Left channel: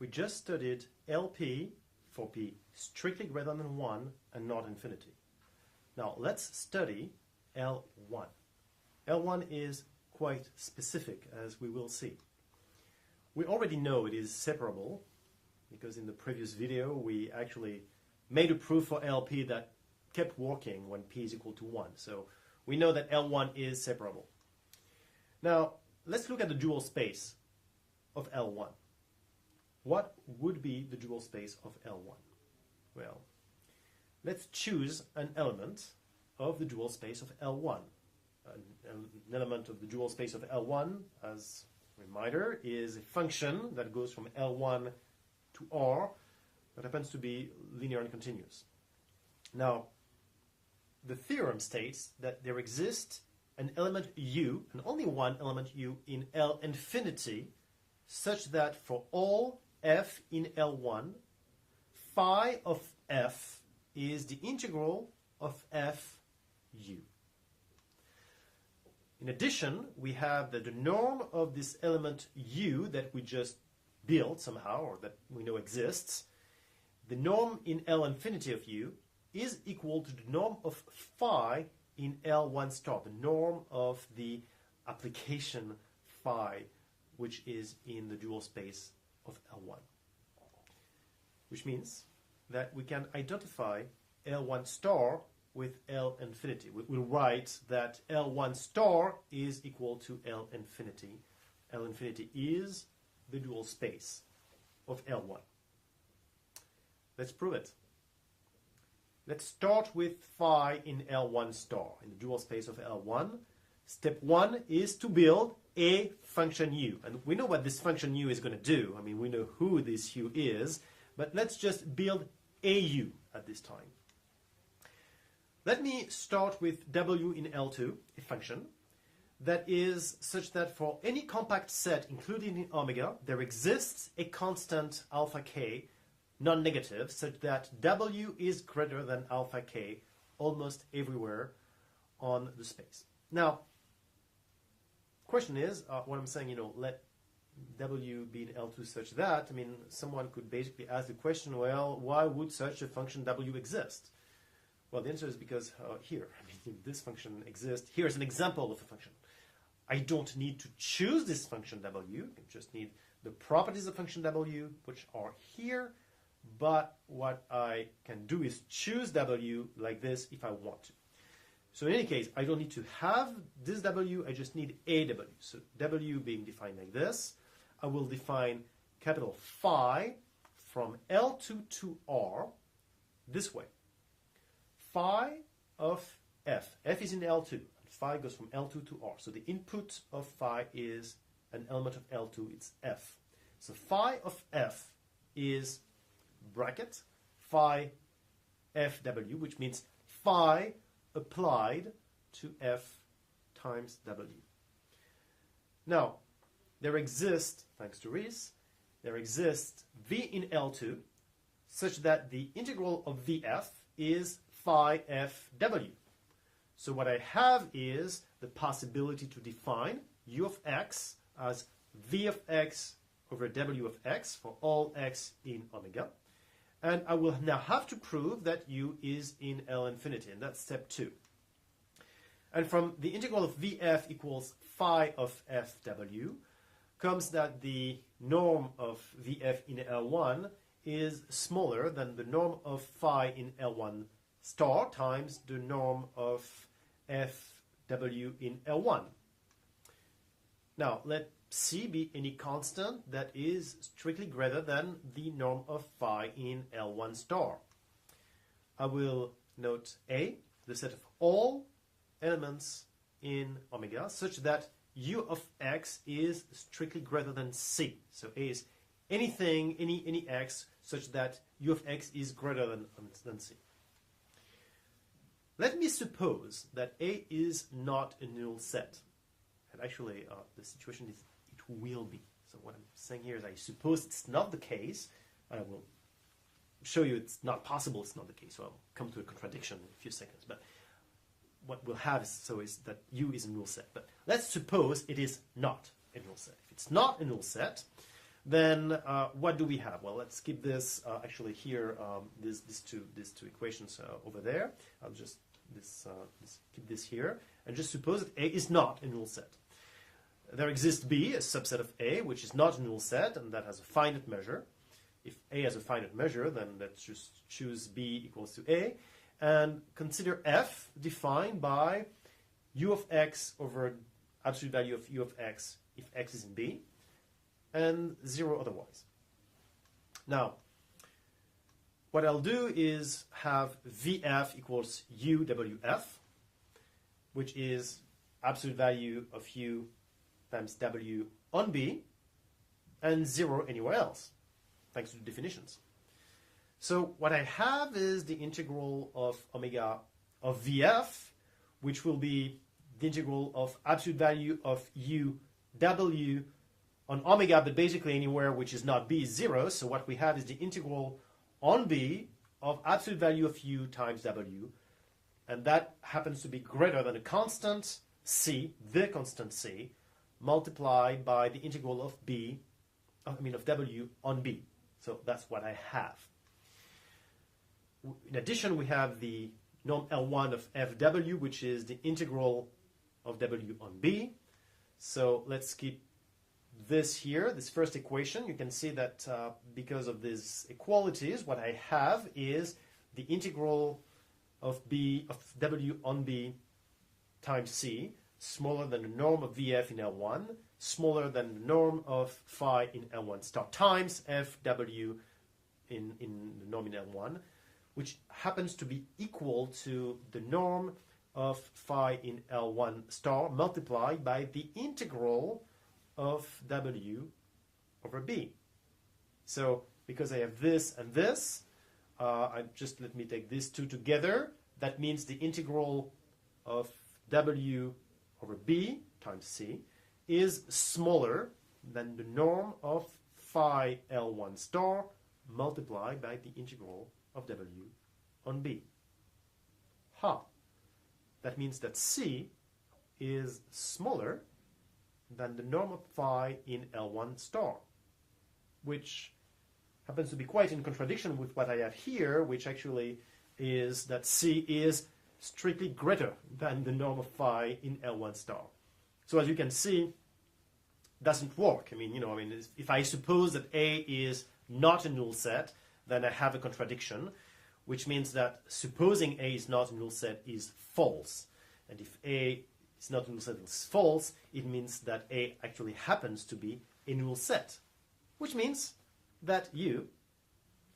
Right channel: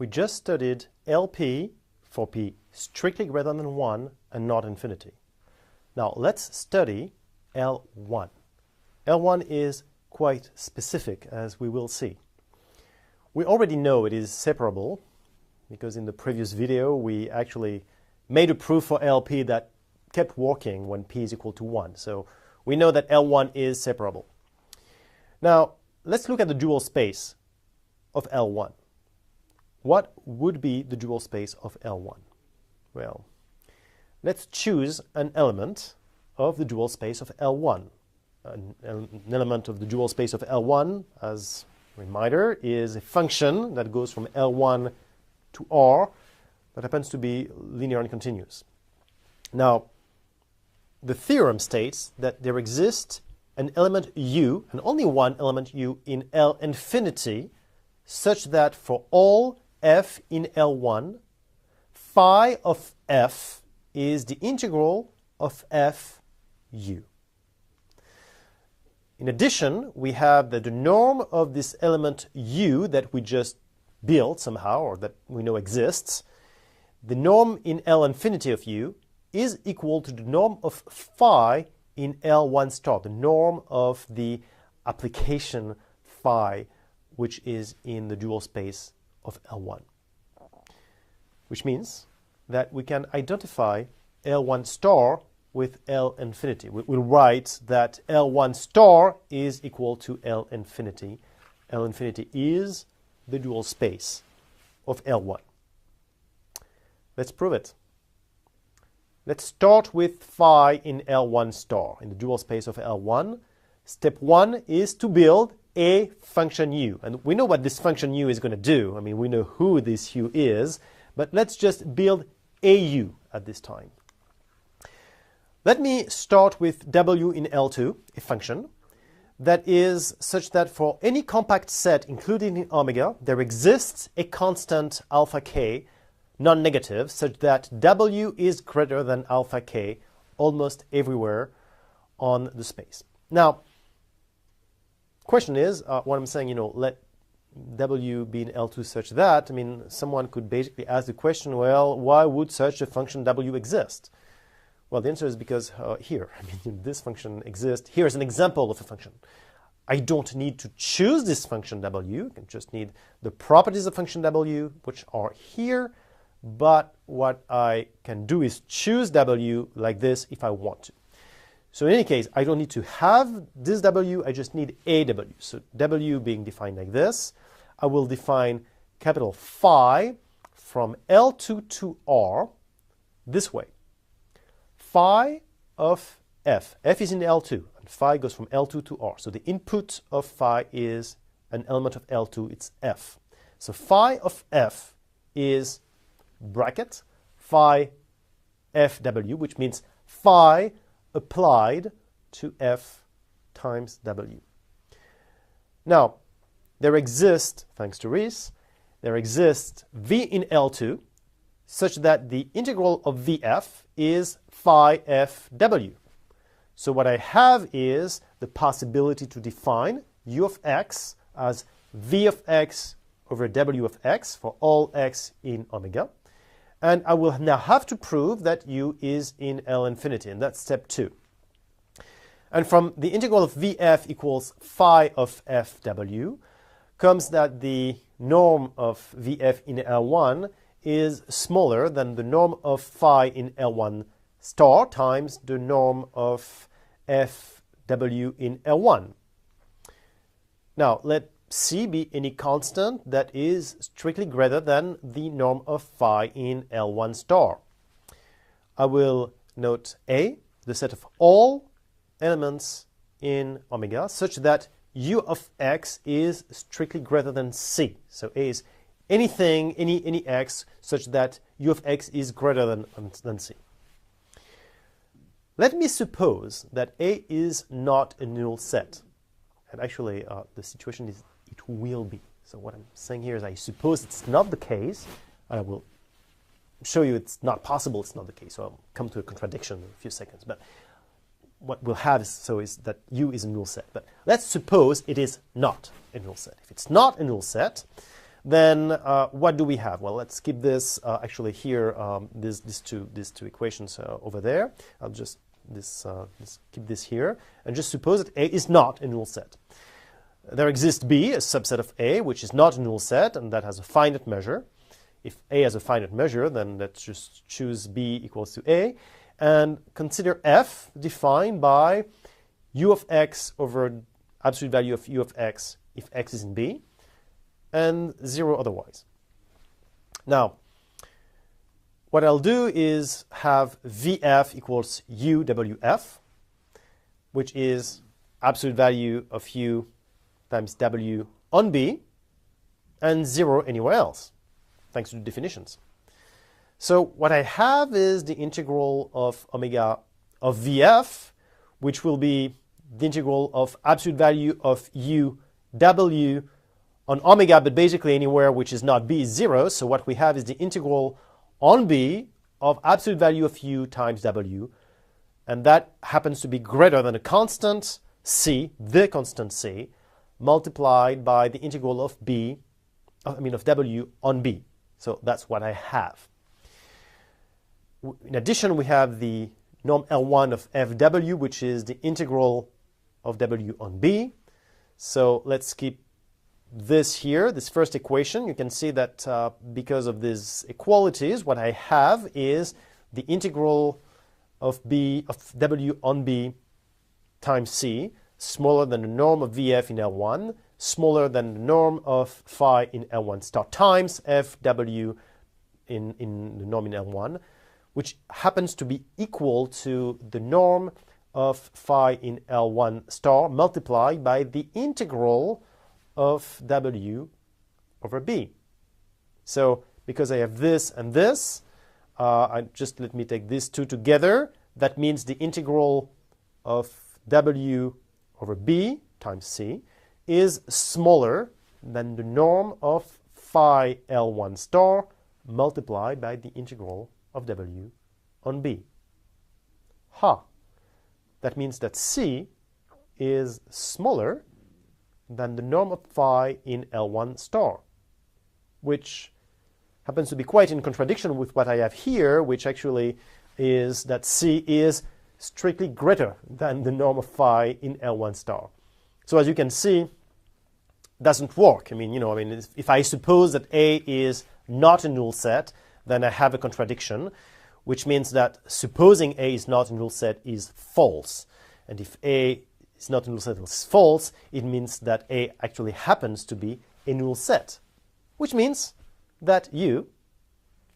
We just studied LP for P strictly greater than 1 and not infinity. Now let's study L1. L1 is quite specific, as we will see. We already know it is separable because in the previous video we actually made a proof for LP that kept working when P is equal to 1. So we know that L1 is separable. Now let's look at the dual space of L1. What would be the dual space of L1? Well, let's choose an element of the dual space of L1. An element of the dual space of L1, as a reminder, is a function that goes from L1 to R that happens to be linear and continuous. Now, the theorem states that there exists an element U, and only one element U, in L infinity, such that for all f in L1, phi of f is the integral of f u. In addition, we have that the norm of this element u that we just built somehow, or that we know exists, the norm in L infinity of u is equal to the norm of phi in L1 star, the norm of the application phi, which is in the dual space of L1. Which means that we can identify L1 star with L infinity. We'll write that L1 star is equal to L infinity. L infinity is the dual space of L1. Let's prove it. Let's start with phi in L1 star, in the dual space of L1. Step 1 is to build a function u. And we know what this function u is going to do. I mean, we know who this u is, but let's just build a u at this time. Let me start with w in L2, a function that is such that for any compact set, including in omega, there exists a constant alpha k, non-negative, such that w is greater than alpha k almost everywhere on the space. Now, question is, what I'm saying, let w be in L2 such that, I mean, someone could basically ask the question, well, why would such a function w exist? Well, the answer is because here, I mean, this function exists. Here's an example of a function. I don't need to choose this function w. I just need the properties of function w, which are here. But what I can do is choose w like this if I want to. So in any case, I don't need to have this w, I just need a w. So w being defined like this, I will define capital phi from L2 to R this way. Phi of f. F is in L2, and phi goes from L2 to R. So the input of phi is an element of L2, it's f. So phi of f is bracket phi fw, which means phi applied to f times w. Now, there exists, thanks to Riesz, there exists v in L2 such that the integral of vf is phi fw. So what I have is the possibility to define u of x as v of x over w of x for all x in omega. And I will now have to prove that u is in L infinity, and that's step 2. And from the integral of vf equals phi of fw comes that the norm of vf in L1 is smaller than the norm of phi in L1 star times the norm of fw in L1. Now, let C be any constant that is strictly greater than the norm of phi in L1 star. I will note A, the set of all elements in omega, such that u of x is strictly greater than C. So A is anything, any x, such that u of x is greater than C. Let me suppose that A is not a null set. And actually, the situation is it will be. So what I'm saying here is I suppose it's not the case. I will show you it's not possible it's not the case. So I'll come to a contradiction in a few seconds. But what we'll have is that U is a null set. But let's suppose it is not a null set. If it's not a null set, then what do we have? Well, let's keep this actually here, these two equations over there. I'll just keep this here, and just suppose that A is not a null set. There exists B, a subset of A, which is not a null set, and that has a finite measure. If A has a finite measure, then let's just choose B equals to A, and consider F defined by U of X over absolute value of U of X if X is in B, and 0 otherwise. Now, what I'll do is have VF equals UWF, which is absolute value of U times W on B, and 0 anywhere else, thanks to the definitions. So what I have is the integral of omega of VF, which will be the integral of absolute value of U W on omega, but basically anywhere which is not B is 0. So what we have is the integral on B of absolute value of U times W, and that happens to be greater than a constant C, the constant C, multiplied by the integral of of W on B. So that's what I have. In addition, we have the norm L1 of FW, which is the integral of W on B. So let's keep this here, this first equation. You can see that because of these equalities, what I have is the integral of W on B times C, smaller than the norm of VF in L1, smaller than the norm of phi in L1 star times FW in the norm in L1, which happens to be equal to the norm of phi in L1 star multiplied by the integral of W over B. So because I have this and this, let me take these two together. That means the integral of W over B times C is smaller than the norm of phi L1 star multiplied by the integral of W on B. That means that C is smaller than the norm of phi in L1 star, which happens to be quite in contradiction with what I have here, which actually is that C is strictly greater than the norm of phi in L1 star. So as you can see, doesn't work. If I suppose that A is not a null set, then I have a contradiction, which means that supposing A is not a null set is false. And if A is not a null set is false, it means that A actually happens to be a null set, which means that U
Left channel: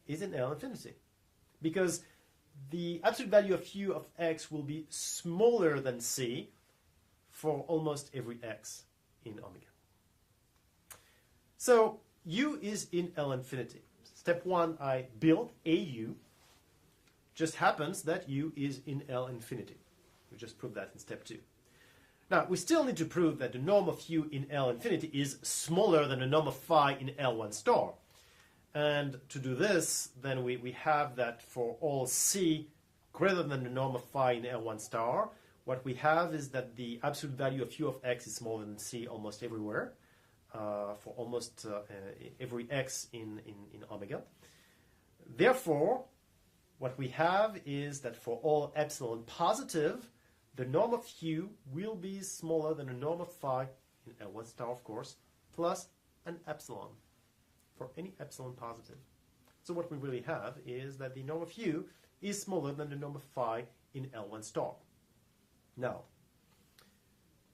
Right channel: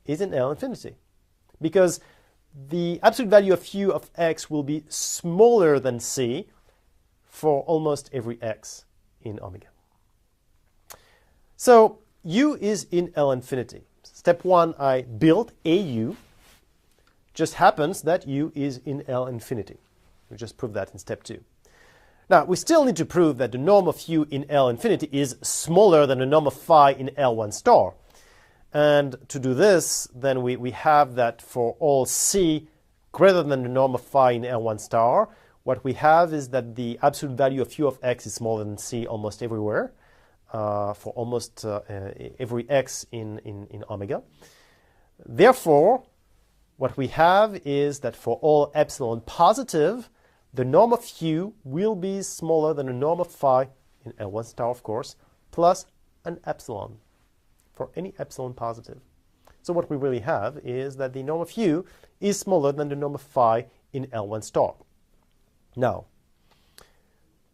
is in L infinity, because the absolute value of U of X will be smaller than C for almost every X in omega. So U is in L infinity. Step 1, I built AU. Just happens that U is in L infinity. We just proved that in step 2. Now, we still need to prove that the norm of U in L infinity is smaller than the norm of phi in L1 star. And to do this, then we have that for all C greater than the norm of phi in L1 star, what we have is that the absolute value of U of X is smaller than C almost everywhere, for almost every X in omega. Therefore, what we have is that for all epsilon positive, the norm of U will be smaller than the norm of phi in L1 star, of course, plus an epsilon for any epsilon positive. So what we really have is that the norm of U is smaller than the norm of phi in L1 star. Now,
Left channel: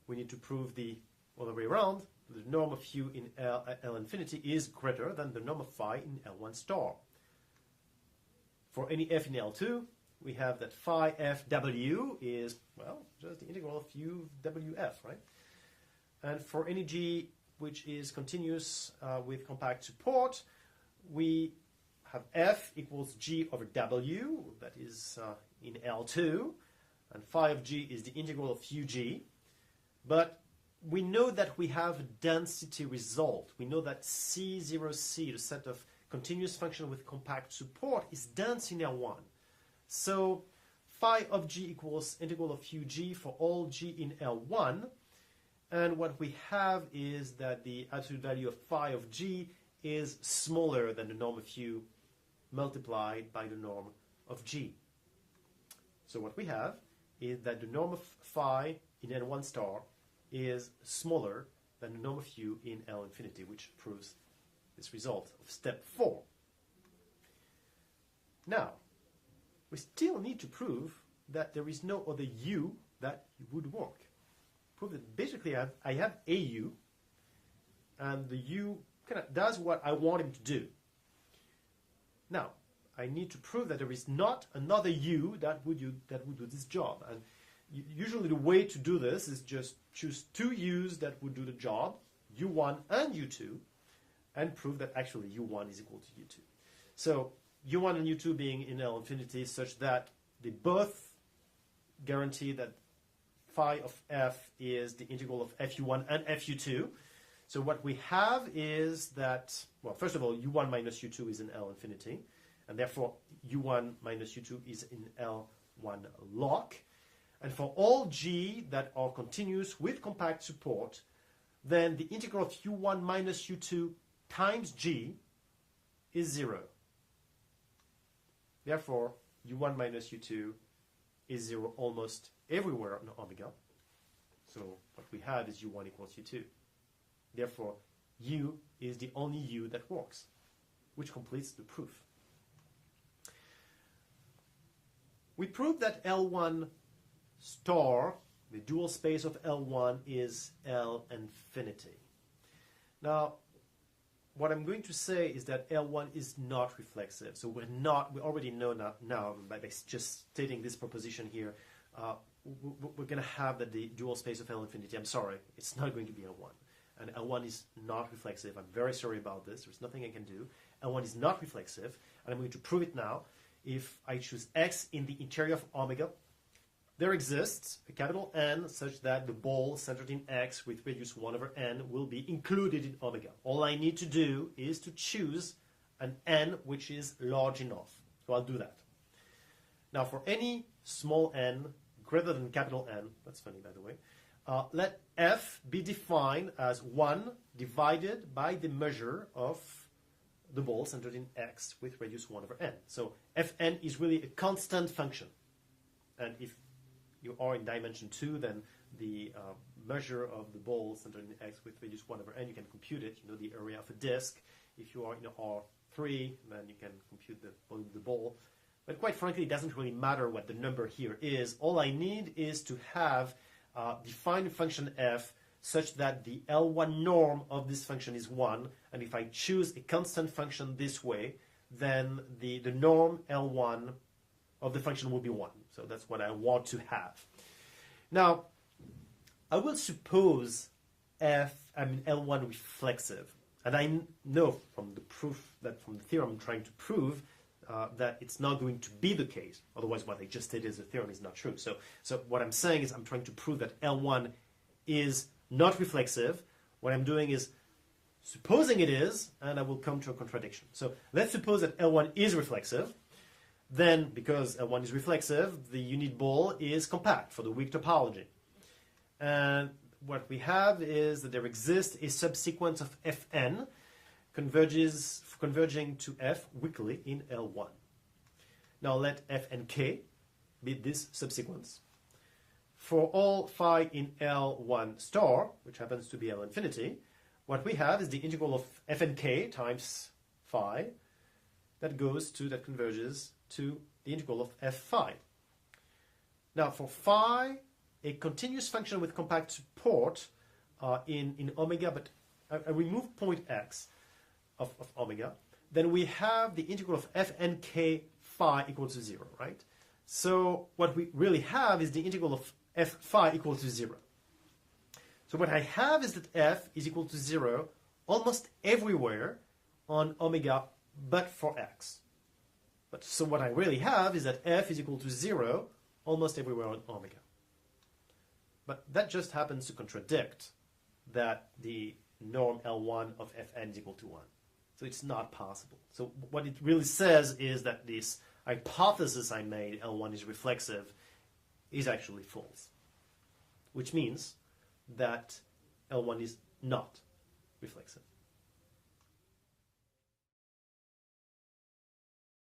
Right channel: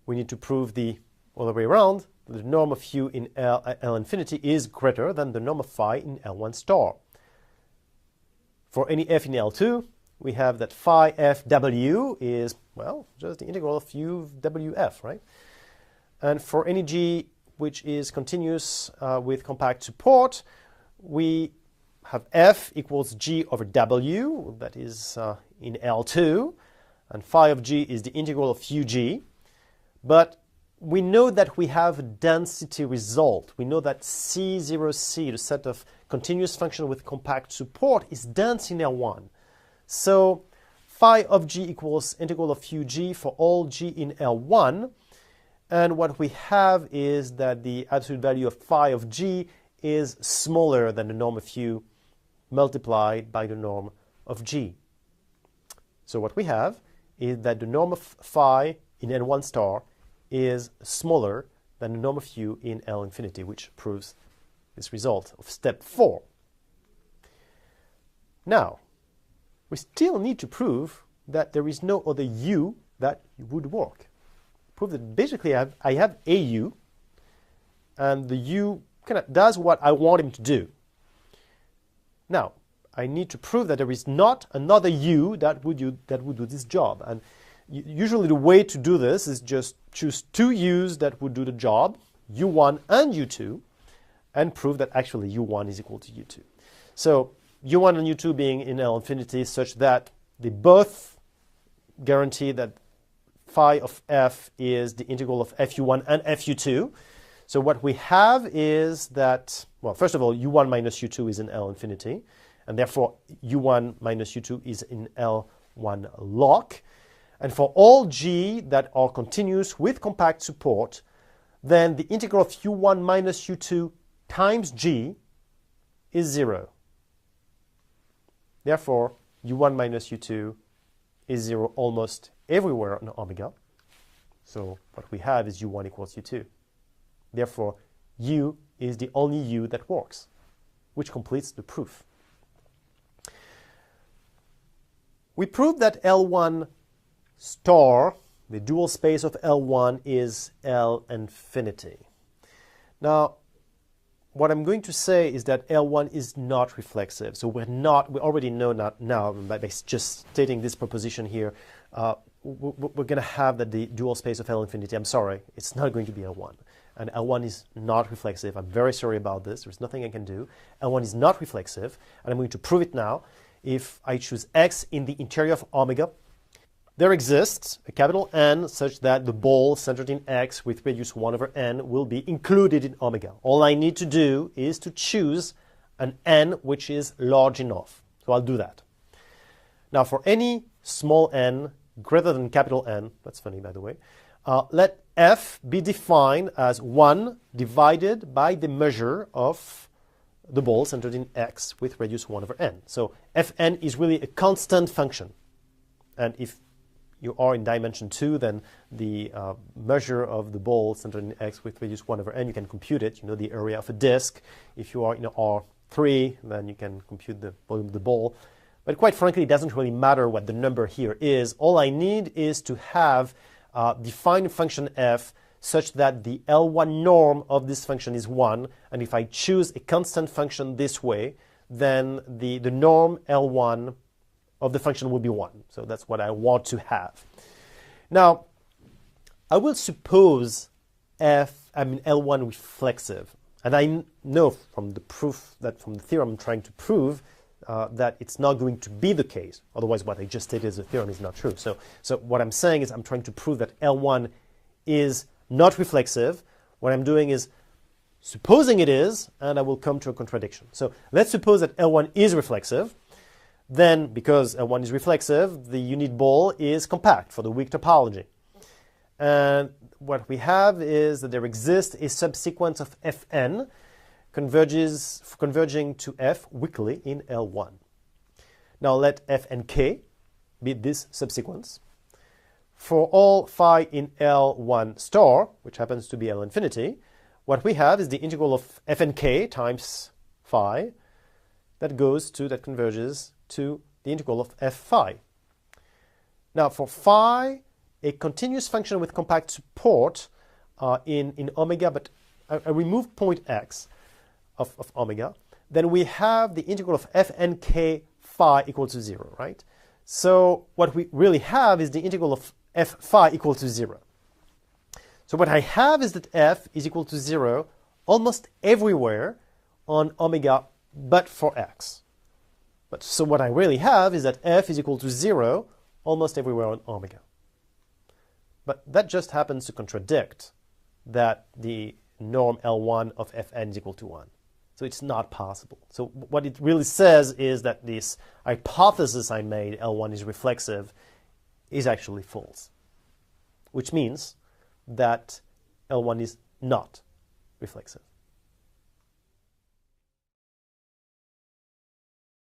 we need to prove the other way around. The norm of U in L infinity is greater than the norm of phi in L1 star. For any f in L2, we have that phi fw is, well, just the integral of U wf, right? And for any g which is continuous with compact support, we have f equals g over w, that is in L2, and phi of g is the integral of ug. But we know that we have a density result. We know that C0C, the set of continuous function with compact support, is dense in L1. So phi of g equals integral of ug for all g in L1. And what we have is that the absolute value of phi of g is smaller than the norm of u multiplied by the norm of g. So what we have is that the norm of phi in n1 star is smaller than the norm of u in L infinity, which proves this result of step 4. Now, we still need to prove that there is no other u that would work. Prove that basically I have a u, and the u kind of does what I want him to do. Now, I need to prove that there is not another u that would do this job. And usually the way to do this is just choose two u's that would do the job, u1 and u2, and prove that actually u1 is equal to u2. So u1 and u2 being in L infinity such that they both guarantee that phi of f is the integral of fu1 and fu2. So what we have is that, well, first of all, u1 minus u2 is in L infinity, and therefore u1 minus u2 is in L1 lock. And for all g that are continuous with compact support, then the integral of u1 minus u2 times g is 0. Therefore, u1 minus u2 is 0 almost everywhere on omega. So what we have is u1 equals u2. Therefore, u is the only u that works, which completes the proof. We proved that L1 star, the dual space of L1, is L infinity. Now, what I'm going to say is that L1 is not reflexive. So we already know that now by just stating this proposition here, we're going to have that the dual space of L infinity, I'm sorry, it's not going to be L1. And L1 is not reflexive. I'm very sorry about this. There's nothing I can do. L1 is not reflexive, and I'm going to prove it now. If I choose x in the interior of omega, there exists a capital N such that the ball centered in x with radius 1 over n will be included in omega. All I need to do is to choose an n which is large enough. So I'll do that. Now for any small n greater than capital N, that's funny by the way, let f be defined as 1 divided by the measure of the ball centered in x with radius 1 over n. So fn is really a constant function. And if you are in dimension 2, then the measure of the ball centered in x with radius 1 over n, you can compute it. You know the area of a disk. If you are in R3, then you can compute the volume of the ball. But quite frankly, it doesn't really matter what the number here is. All I need is to have define a function f such that the L1 norm of this function is 1. And if I choose a constant function this way, then the norm L1 of the function will be 1. So that's what I want to have. Now, I will suppose L1 reflexive. And I know from the proof, that from the theorem I'm trying to prove, that it's not going to be the case. Otherwise, what I just stated as a theorem is not true. So what I'm saying is I'm trying to prove that L1 is not reflexive. What I'm doing is supposing it is, and I will come to a contradiction. So let's suppose that L1 is reflexive. Then, because L1 is reflexive, the unit ball is compact for the weak topology. And what we have is that there exists a subsequence of Fn converging to F weakly in L1. Now let Fnk be this subsequence. For all phi in L1 star, which happens to be L infinity, what we have is the integral of Fnk times phi that converges to the integral of f phi. Now for phi, a continuous function with compact support in omega, but I remove point x of omega, then we have the integral of Fnk phi equal to 0, right? So what we really have is the integral of f phi equal to 0. So what I have is that f is equal to 0 almost everywhere on omega but for x. So what I really have is that f is equal to 0 almost everywhere on omega. But that just happens to contradict that the norm L1 of Fn is equal to 1. So it's not possible. So what it really says is that this hypothesis I made, L1 is reflexive, is actually false. Which means that L1 is not reflexive.